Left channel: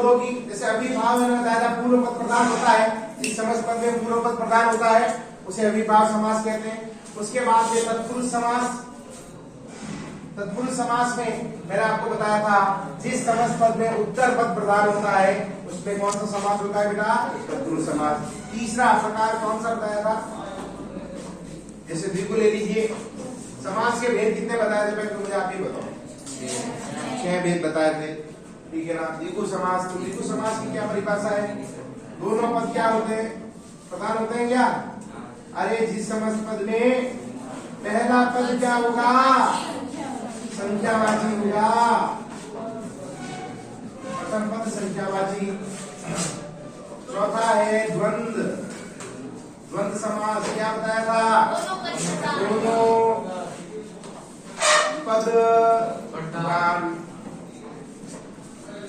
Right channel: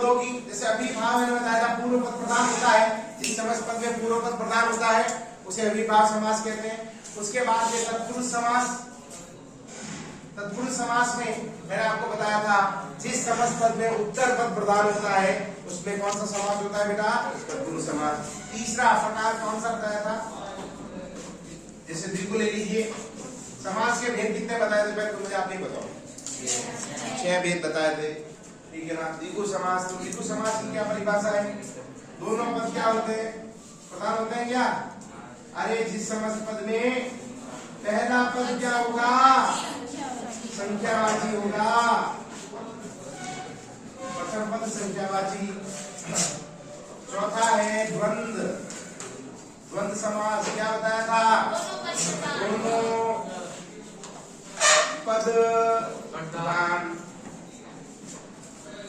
पद होगी। जैसे अभिभाव मैंने बताया था पूर्व पद प्रधान होता है, जिस समस्त पद में पूर्व पद प्रधान होता है उसे अभिभाव समास कहते हैं। उसके बाद ये तत्पुरुष समास। तत्पुरुष समास में मैंने आपको बताया था जिस समस्त पद में उत्तर पद प्रधान होता है उसमें कौन सा समास होता है बेटा, तत्पुरुष समास। तीसरा प्रकार कौन सा बताया था, जैसे द्विगु ले लीजिए। समास के भेद कितने बताए थे पहले, मुझे आप ही बताओ। 6 भेद बताए थे, ठीक है ना। द्विगु समास, तो द्विगु समास की क्या परिभाषा है, दोनों पद क्या होते हैं, प्रधान होते हैं क्या। अरे जिस समस्त पद में पहला पद क्या होगा, संख्यावाची होगा, प्रथम पद संख्यावाची। चौथा है द्वंद्व। द्वंद्व समास क्या बताया था, दोनों पद प्रधान।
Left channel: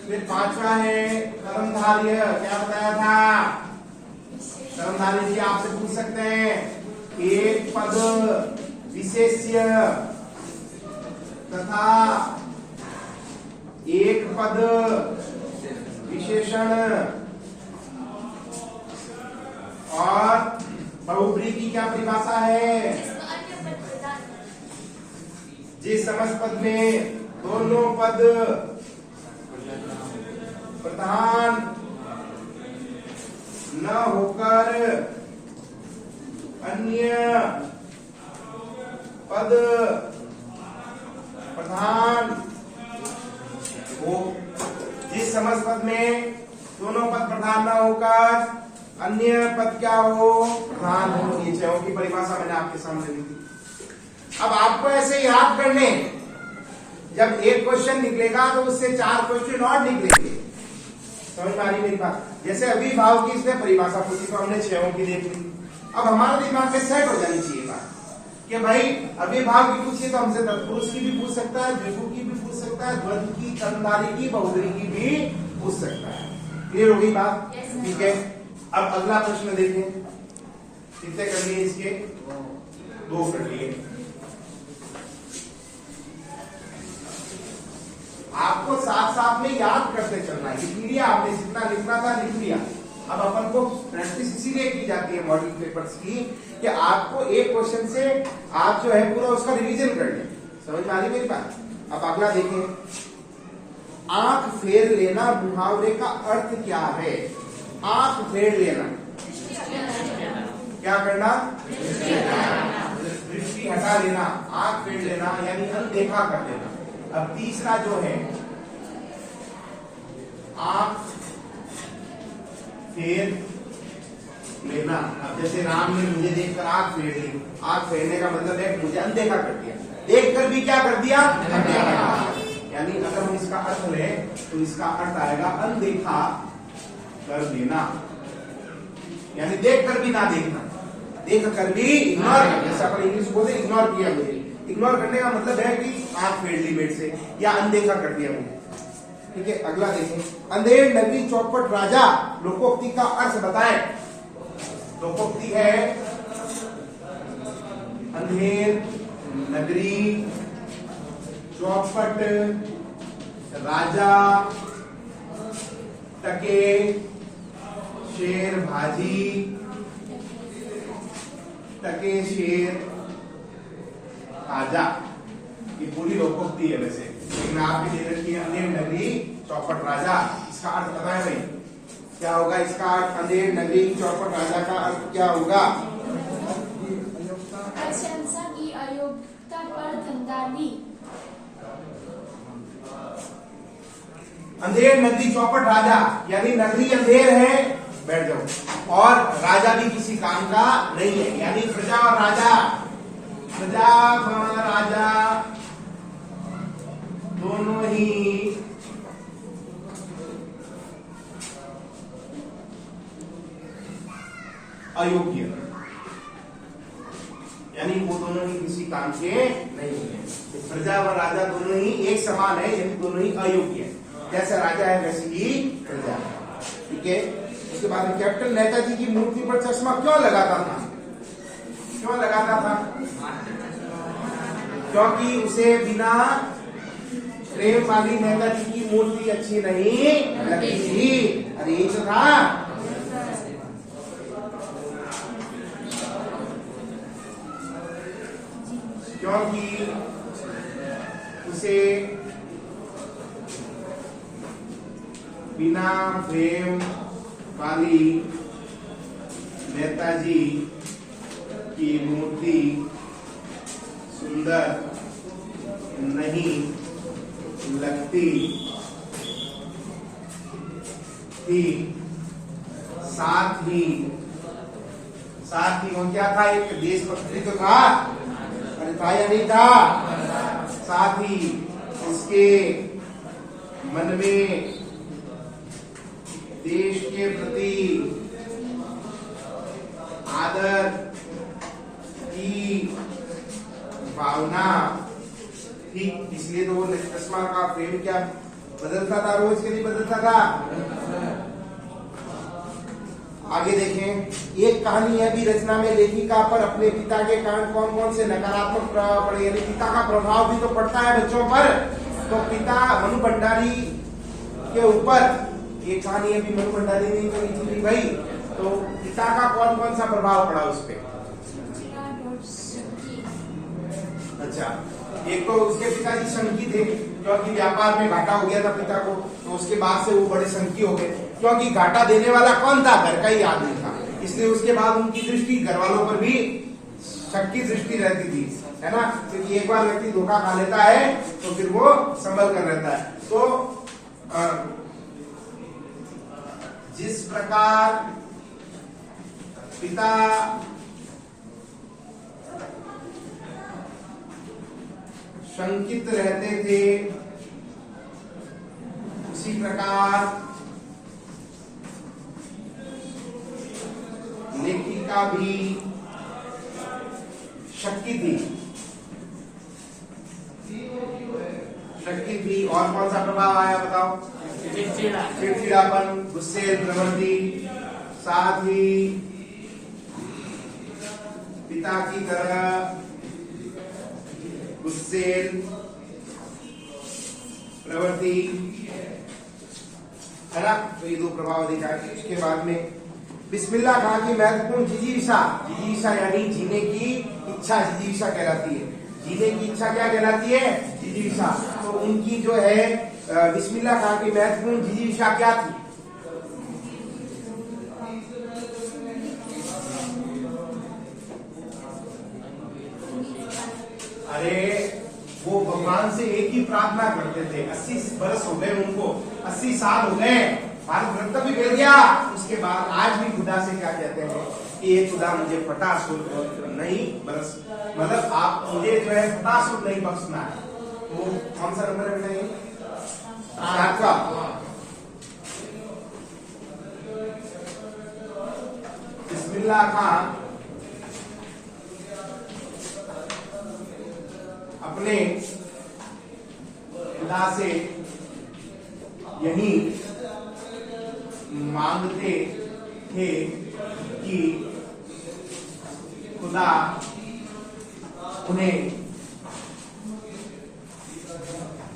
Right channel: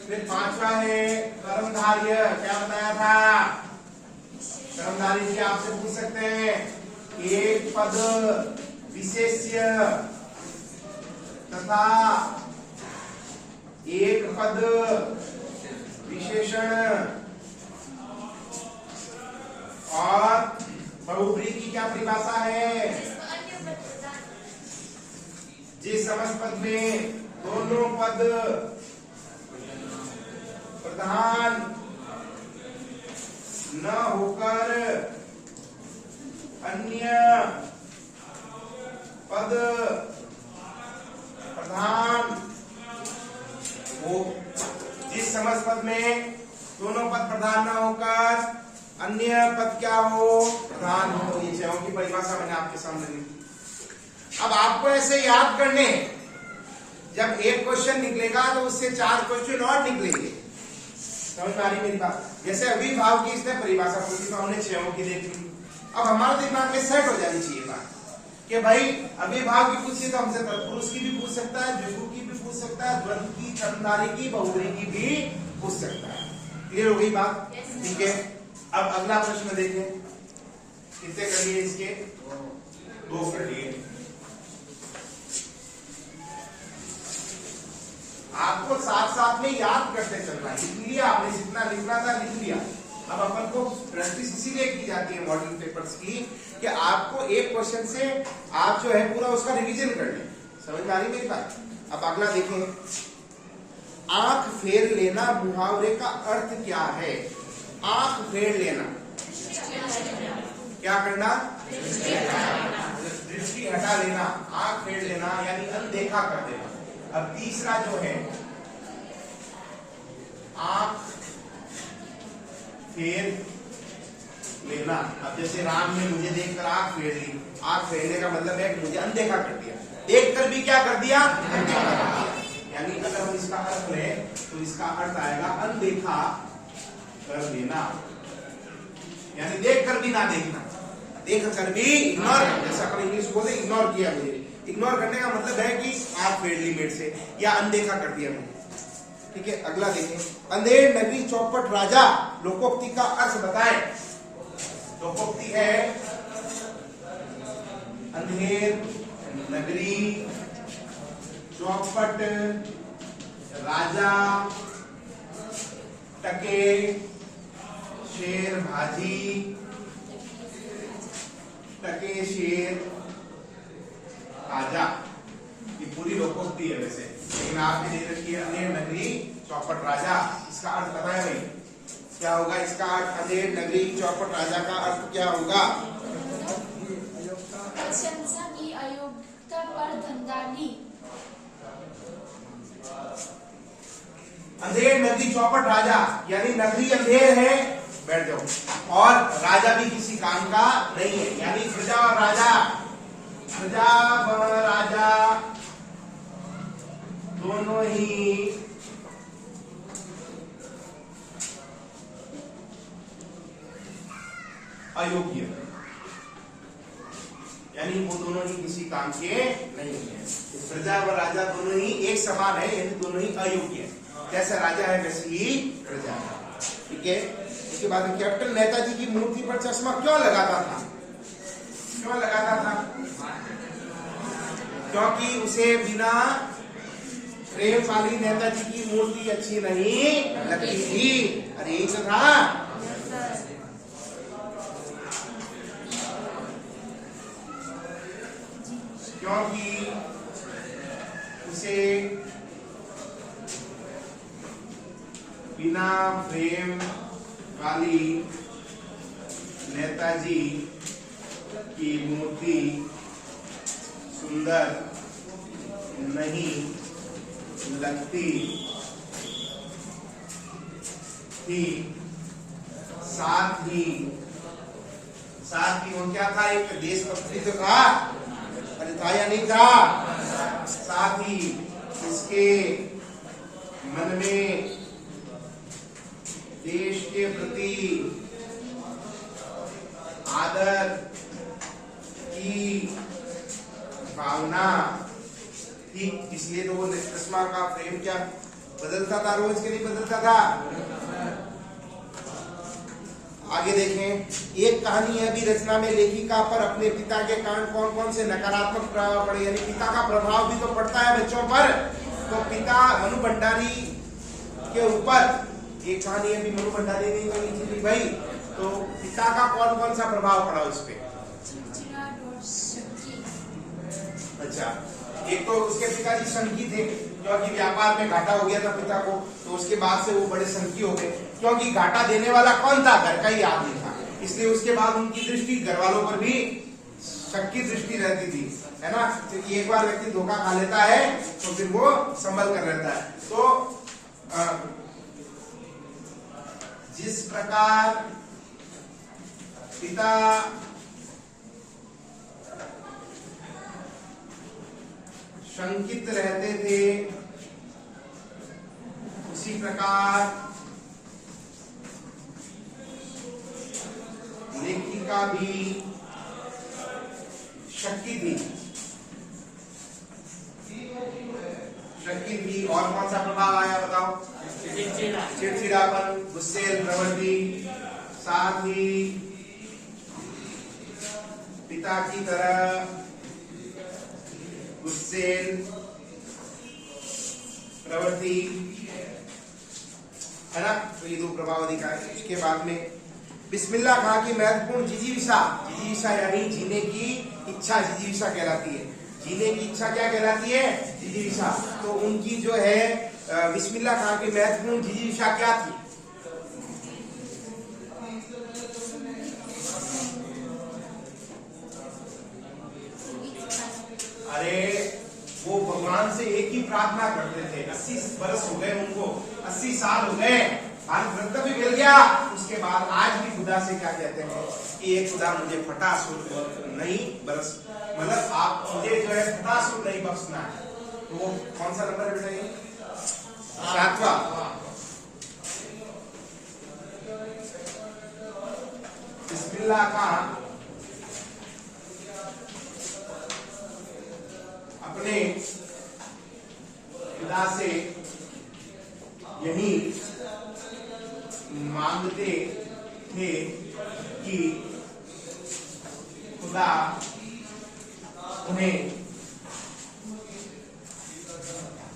फिर पांचवा है कर्मधार्य, क्या बताया था, कर्मधार्य जी आपसे पूछ सकते हैं, एक पद विशेष्य तथा एक पद विशेषण और बहुब्रीहि की क्या परिभाषा है, जिस समस्त पद में दोनों पद प्रधान न होकर अन्य पद प्रधान हो। जिस समस्त पद में दोनों पद प्रधान न होकर अन्य पद क्या हो, प्रधान हो। ये 6 की परिभाषा मैंने आपके सामने ली थी। अब आपको ऐसे याद करने, जब एक क्वेश्चन निकलेगा तो उससे 4 क्वेश्चन और निकलेंगे। समझ में आ रही मेरी बात। जैसे अभिभाव की इसने परिभाषा पूछी तो हमने 6 की देख ली। अब हमारे दिमाग में सेट हो जानी चाहिए बात कि भाई अभिभाव की पूछी तो हमसे तत्पुरुष की भी पूछ सकता है, द्विगु की भी पूछ सकता है, द्वंद्व की, कर्मधारय की, बहुब्रीहि की भी पूछ सकता है। क्लियर हो गई बात, ठीक है। अब अगला प्रश्न देखें, कितने करिए इसके, 2 करिए। आपको साथ साथ में याद करते चलना है। लिख लिया आपने, जितना लिखना था लिख लिया। अब अपन को प्रैक्टिस इसीलिए की जाती है मॉडल पेपर्स की कि आपको एक क्वेश्चन से आप जो है पूरा उसका रिवीजन कर लें। समझ में आ रही मेरी बात। अब अगला देखें, आंख फेर लेना मुहावरे का अर्थ क्या है। आंख फेर लेना, क्या करना, दृष्टि हटा लेना, आंख फेर लेना यानी अनदेखा कर देना। अब तीसरा जो है आंख फेर लेना। अब जैसे राम ने मुझे देखकर आंख फेर ली, आंख फेरने का मतलब है मुझे अनदेखा कर दिया, देखकर भी क्या कर दिया, यानी अगर हम इसका अर्थ लें तो इसका अर्थ आएगा अनदेखा कर देना, यानी देखकर भी ना देखना, देख कर भी इग्नोर, जैसा अपन इंग्लिश बोलते इग्नोर किया मेरे। इग्नोर करने का मतलब है कि आंख फेर ली बेड से या अनदेखा कर दिया मुझे, ठीक है। अगला देखें, अंधेर नगरी चौपट राजा, लोकोक्ति का अर्थ बताएं। लोकोक्ति है अंधेर नगरी चौपट राजा टके शेर भाजी, टके शेर राजा, ये पूरी लोकोक्ति है वैसे, लेकिन आपने दे रखी है अंधेर नगरी चौपट राजा। इसका अर्थ बताया भाई क्या होगा, इसका अर्थ अंधेर नगरी चौपट राजा का अर्थ क्या होगा, प्रशंसा की अयोग्यता पर धंधानी। अंधेर नगरी चौपट राजा यानी नगरी अंधेर है, बैठ जाओ, और राजा भी किसी काम का नहीं है, यानी प्रजा और राजा, प्रजा व राजा दोनों ही अयोग्य, यानी वो दोनों ही किसी काम के नहीं है। प्रजा व राजा दोनों ही एक समान है, यानी दोनों ही अयोग्य है। जैसे राजा है वैसे ही प्रजा है, ठीक है। उसके बाद में कैप्टन नेताजी की मूर्ति पर चश्मा क्यों लगाता था, क्यों लगाता था, क्योंकि उसे बिना प्रेम वाली नेताजी की मूर्ति अच्छी नहीं लगती थी। अरे यही तो था। क्योंकि उसे बिना प्रेम वाली नेताजी की मूर्ति सुंदर नहीं लगती थी। साथ ही वो क्या था, एक देशभक्ति तो था, अरे था या नहीं था। साथ ही इसके मन में देश के प्रति आदर की भावना थी। इसलिए तो वो चश्मा का फ्रेम क्या बदलता था, रोज के लिए बदलता था। आगे देखें, एक कहानी है भी रचना में लेखिका पर अपने पिता के कारण कौन कौन से नकारात्मक प्रभाव पड़े, यानी पिता का प्रभाव भी तो पड़ता है बच्चों पर। तो पिता मनु भंडारी के ऊपर एक कहानी है भी, मनु भंडारी ने तो लिखी थी भाई। तो पिता का कौन कौन सा प्रभाव पड़ा उस पर? अच्छा, एक तो उसके पिताजी संकी थे, क्योंकि व्यापार में घाटा हो गया था पिता को, तो उसके बाद से वो बड़े संकी हो गए। क्योंकि घाटा देने वाला कौन था? घर का ही आदमी था। इसलिए उसके बाद उनकी दृष्टि घर वालों पर भी शक की दृष्टि रहती थी, है ना। क्योंकि एक बार व्यक्ति धोखा खा लेता है तो फिर वो संभल कर रहता है। तो जिस प्रकार पिता शंकित रहते थे, उसी प्रकार लेखिका भी शक्की थी। और कौन सा प्रभाव आया बताओ? चिड़चिड़ापन, गुस्से प्रवृत्ति, साथ ही पिता की तरह गुस्से प्रवृत्ति, है ना। तो ये दो प्रभाव दिखाए। इसके बाद में बिस्मिल्लाह खां की महत्वपूर्ण जिजीविषा, जिजीविषा यानी जीने की इच्छा, जिजीविषा कहलाती है। जीने की इच्छा क्या कहलाती है? जिजीविषा। तो उनकी जो है बिस्मिल्लाह खां की महत्वपूर्ण जिजीविषा क्या थी? अरे वो भगवान से एक ही प्रार्थना करते थे। 80 वर्ष हो गए उनको, 80 साल हो गए, भारत रत्न भी मिल गया। उसके बाद आज भी खुदा से क्या कहते हैं कि ये खुदा मुझे फटासुर नहीं बरस, मतलब आप मुझे जो है फटासुर नहीं बख्शना है। तो कौन सा नंबर है बेटा? 7वां। बिस्मिल्लाह खां अपने खुदा से यही मांगते थे कि खुदा उन्हें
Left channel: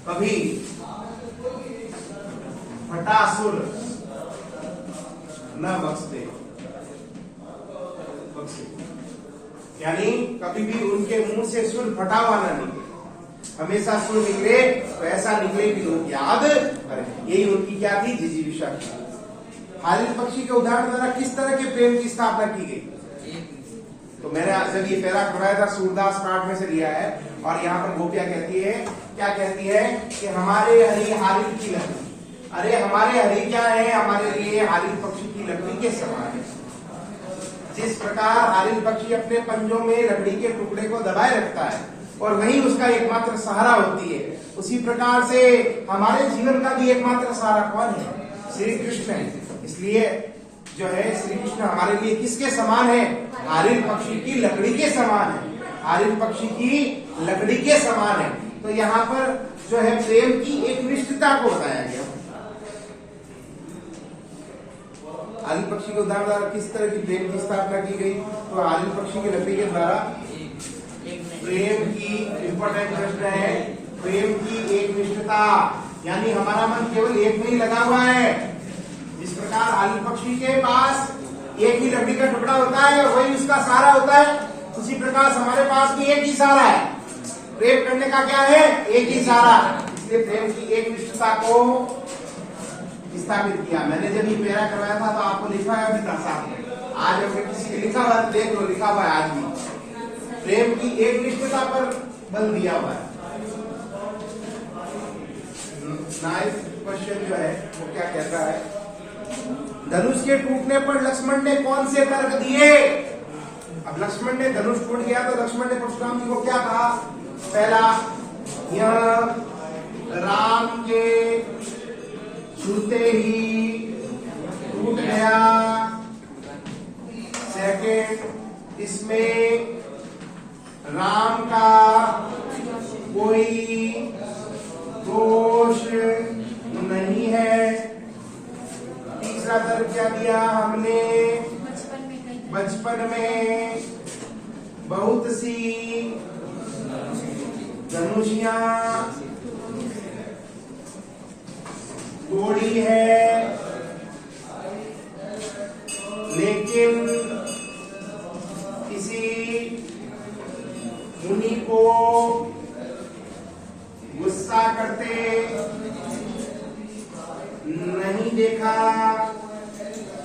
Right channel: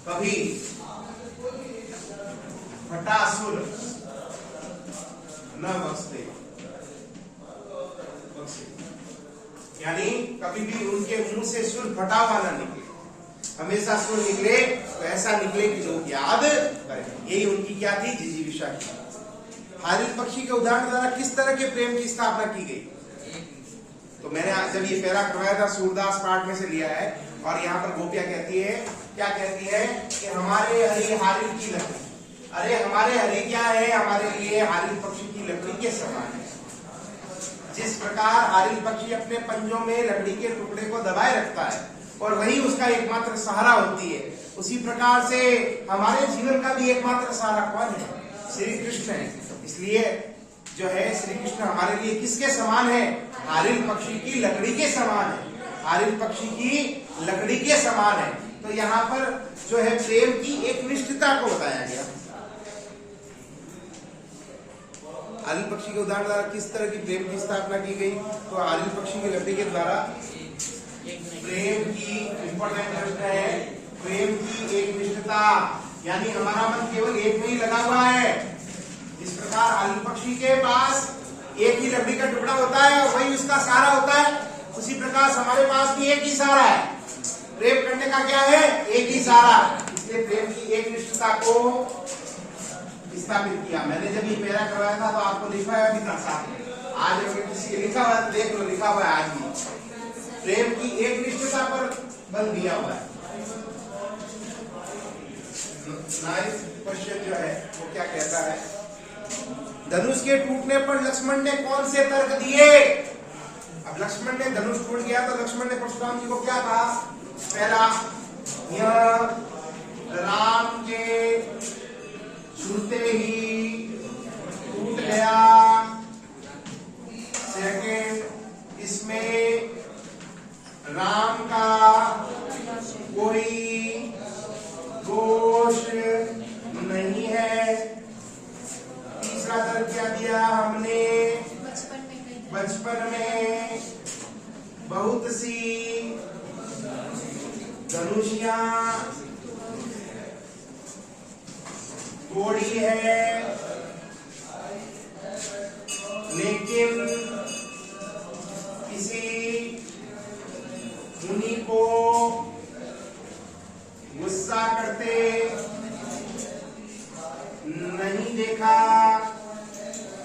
कभी फटासुर न बख्शे, यानी कभी भी उनके मुंह से सुर फटा हुआ न निकले, हमेशा सुर निकले तो ऐसा निकले कि लोग याद करें। यही उनकी क्या थी? जिजीविषा की। हारिल पक्षी के उदाहरण द्वारा किस तरह के प्रेम की स्थापना की गई? तो मैंने जब ये पैरा पढ़ाया था, सूरदास पाठ में से लिया है। और यहाँ पर गोपिया कहती है, क्या कहती है कि हमारे हरि हारिल की लकड़ी। अरे हमारे हरि क्या है? हमारे लिए हारिल पक्षी की लकड़ी के समान है। जिस प्रकार हारिल पक्षी अपने पंजों में लकड़ी के टुकड़े को दबाए रखता है और वही उसका एकमात्र सहारा होती है, उसी प्रकार से हमारे जीवन का भी एकमात्र सहारा कौन है? श्री कृष्ण है। इसलिए जो है श्री कृष्ण हमारे लिए किसके समान है? हारिल पक्षी की लकड़ी के समान है। हारिल पक्षी की लकड़ी के समान है। तो यहाँ पर जो है प्रेम की एक निष्ठता को बताया गया। हारिल पक्षी के उदाहरण द्वारा किस तरह की प्रेम की स्थापना की गई? तो हारिल पक्षी की लकड़ी के द्वारा प्रेम की इंपॉर्टेंट प्रश्न है। प्रेम की एक निष्ठता, यानी हमारा मन केवल एक में ही लगा हुआ है। जिस प्रकार आलू पक्षी के पास एक ही लकड़ी का टुकड़ा होता है, वही उसका सहारा होता है, उसी प्रकार हमारे पास भी एक ही सहारा है। प्रेम करने का क्या है? एक ही सहारा। इसलिए प्रेम की एक निष्ठता को स्थापित किया। मैंने जब ये पैरा करवाया था तो आपको लिखवाया भी था साथ में। आज अगर किसी के लिखा हुआ है तो देख लो, लिखा हुआ है आज भी। प्रेम की एक निष्ठता पर बल दिया हुआ है। नाइस क्वेश्चन जो है वो क्या कहता है, धनुष के टूटने पर लक्ष्मण ने कौन से तर्क दिए? अब लक्ष्मण ने धनुष टूट गया तो लक्ष्मण ने परशुराम जी को क्या कहा? पहला, यह राम के छूते ही टूट गया। सेकंड, इसमें राम का कोई दोष नहीं है। तीसरा तर्क क्या दिया हमने? बचपन में बहुत सी धनुषियां तोड़ी है, लेकिन किसी मुनि को गुस्सा करते नहीं देखा।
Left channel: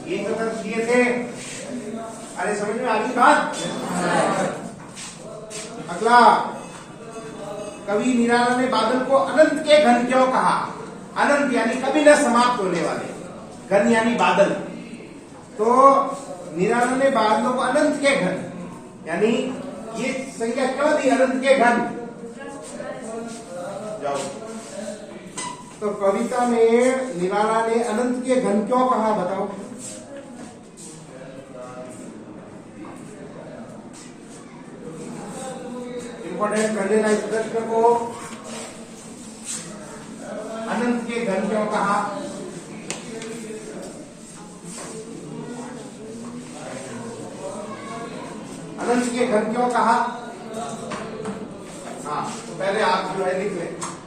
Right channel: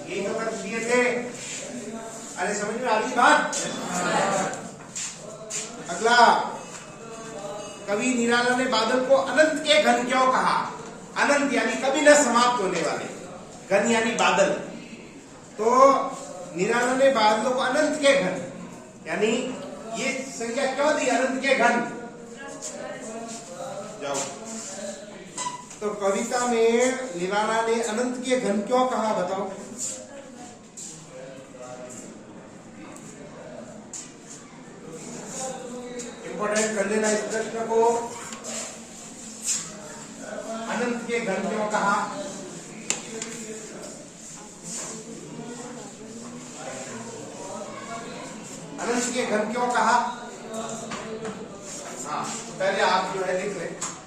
ये तो तर्क दिए थे। अरे समझ में आ रही बात? अगला, कवि निराला ने बादल को अनंत के घन क्यों कहा? अनंत यानी कभी न समाप्त होने वाले, घन यानी बादल। तो निराला ने बादलों को अनंत के घन, यानी ये संज्ञा क्यों दी अनंत के घन? जाओ। तो कविता में निराला ने अनंत के घन क्यों कहा, बताओ। इंपॉर्टेंट कर लेना इस प्रश्न को। अनंत के घन क्यों कहा? अनंत के घन क्यों कहा? हाँ, पहले आप जो है लिख ले।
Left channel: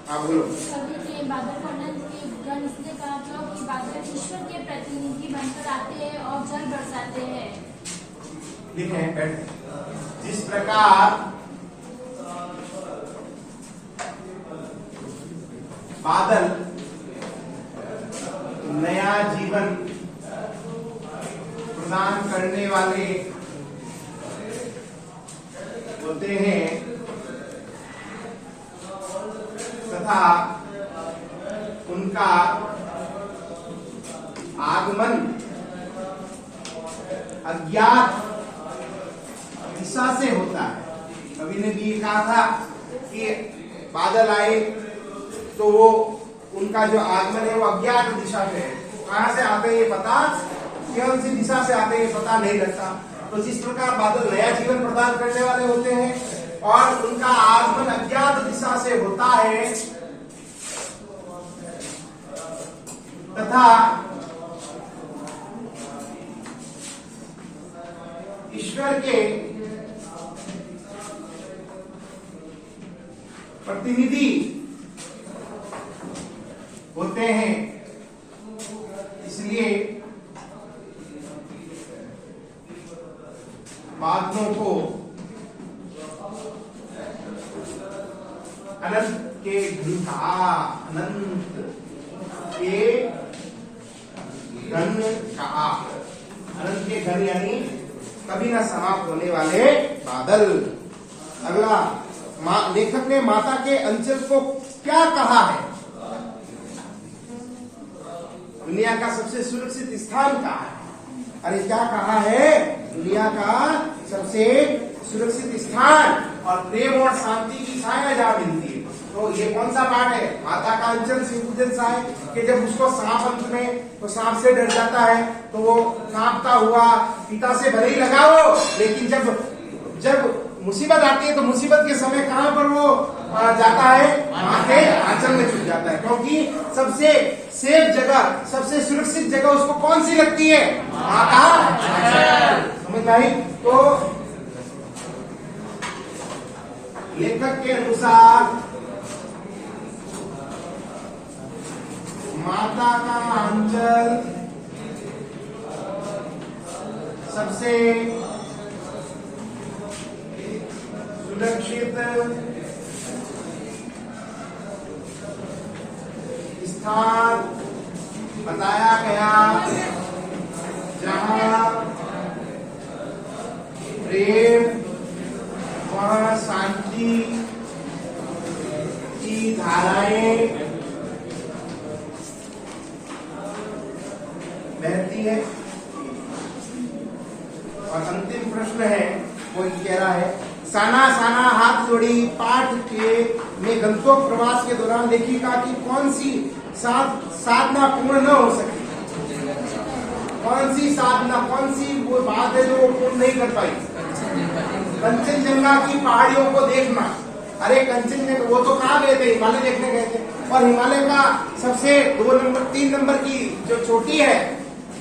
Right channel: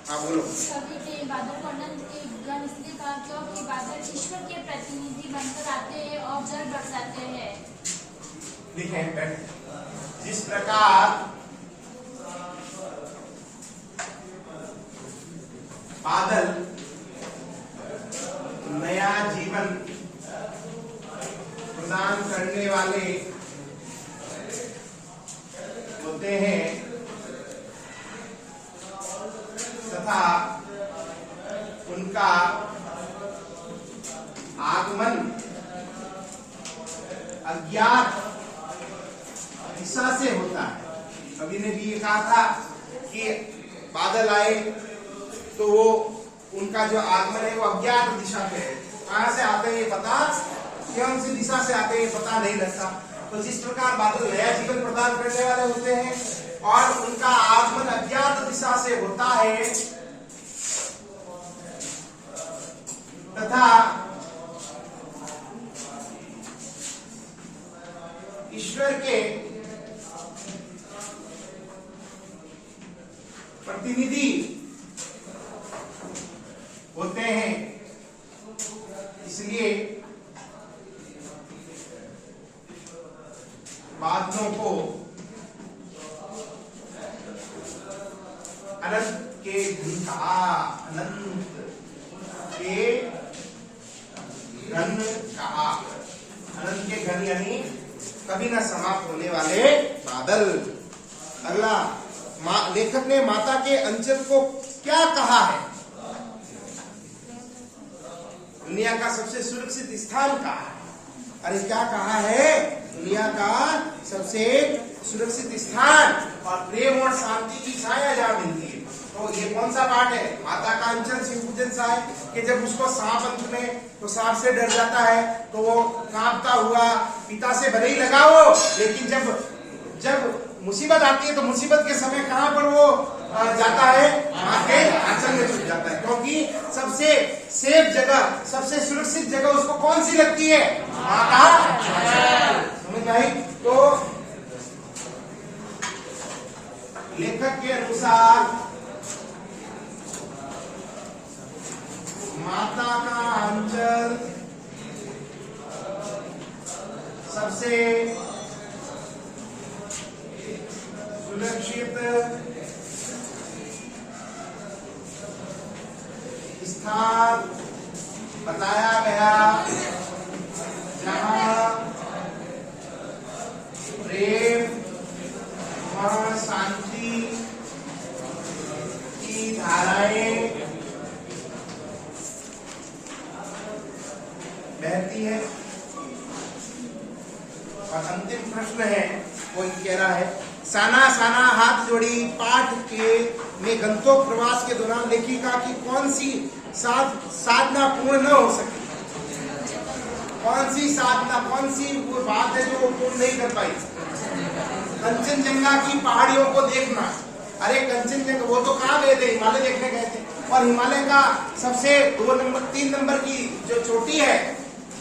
हाँ बोलो। कवि ने बादल को अनंत के घन इसलिए कहा क्योंकि बादल ईश्वर के प्रतिनिधि बनकर आते हैं और जल बरसाते हैं। लिखे बैठ। जिस प्रकार बादल नया जीवन प्रदान करने वाले होते हैं तथा उनका आगमन अज्ञात दिशा से होता है। कवि ने भी ये कहा था कि बादल आए तो वो उनका जो आगमन है वो अज्ञात दिशा में है। कहां से आते हैं ये पता, कौन सी दिशा से आते हैं ये पता नहीं लगता। तो जिस प्रकार बादल नया जीवन प्रदान करने वाले होते हैं और उनका आगमन अज्ञात दिशा से होता है तथा ईश्वर के प्रतिनिधि होते हैं, इसलिए बादलों को अनंत के घन कहा। अनंत के घन कहा। अनंत के घन यानी कभी न समाप्त होने वाले बादल। अगला, लेखक ने माता के अंचल को क्या कहा है? दुनिया का सबसे सुरक्षित स्थान कहा है। अरे क्या कहा है? दुनिया का सबसे सुरक्षित स्थान और प्रेम और शांति की छाया जहाँ मिलती है। तो ये कौन सा पाठ है? माता का अंचल सिंह सा है कि जब उसको सांप अंत में तो सांप से डर जाता है तो वो कांपता हुआ पिता से भले ही लगाओ, लेकिन जब मुसीबत आती है तो मुसीबत के समय कहाँ पर वो जाता है? माँ के आंचल में छुप जाता है, क्योंकि सबसे सेफ जगह, सबसे सुरक्षित जगह उसको कौन सी लगती है? माँ का आंचल। समझ में आई? तो लेखक के अनुसार माता का अंचल सबसे सुरक्षित स्थान बताया गया जहां प्रेम वहां शांति की धाराएं बहती है। और अंतिम प्रश्न है, वो कह रहा है, साना साना हाथ जोड़ी पाठ के में गंतव्य प्रवास के दौरान लेखिका की कौन सी साधना पूर्ण न हो सकी? कौन सी साधना, कौन सी वो बात है जो वो पूर्ण नहीं कर पाई? कंचनजंगा की पहाड़ियों को देखना। अरे कंचनजंगा, वो तो कहाँ गए थे? हिमालय देखने गए थे। और हिमालय का सबसे 3 नंबर की जो चोटी है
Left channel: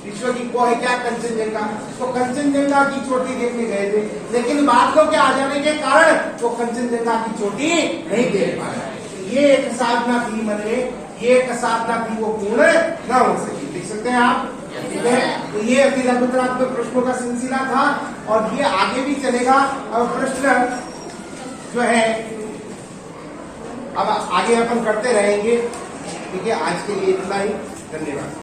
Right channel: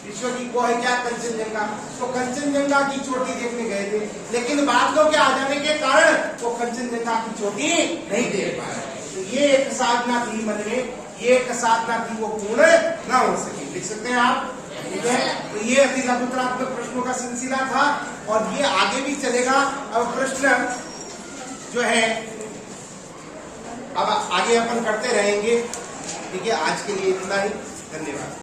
विश्व की, वो है क्या? कंचनजंगा। तो कंचनजंगा की चोटी देखने गए थे, लेकिन बादलों के आ जाने के कारण वो कंचनजंगा की चोटी नहीं देख पाया। तो ये एक साधना थी मन में, ये एक साधना थी, वो पूर्ण न हो सकी। लिख सकते हैं आप, ठीक है। तो ये अतिलघुतरात्मक प्रश्नों का सिलसिला था और ये आगे भी चलेगा। और प्रश्न जो है अब आगे अपन करते रहेंगे। ठीक है, आज के लिए इतना ही। धन्यवाद।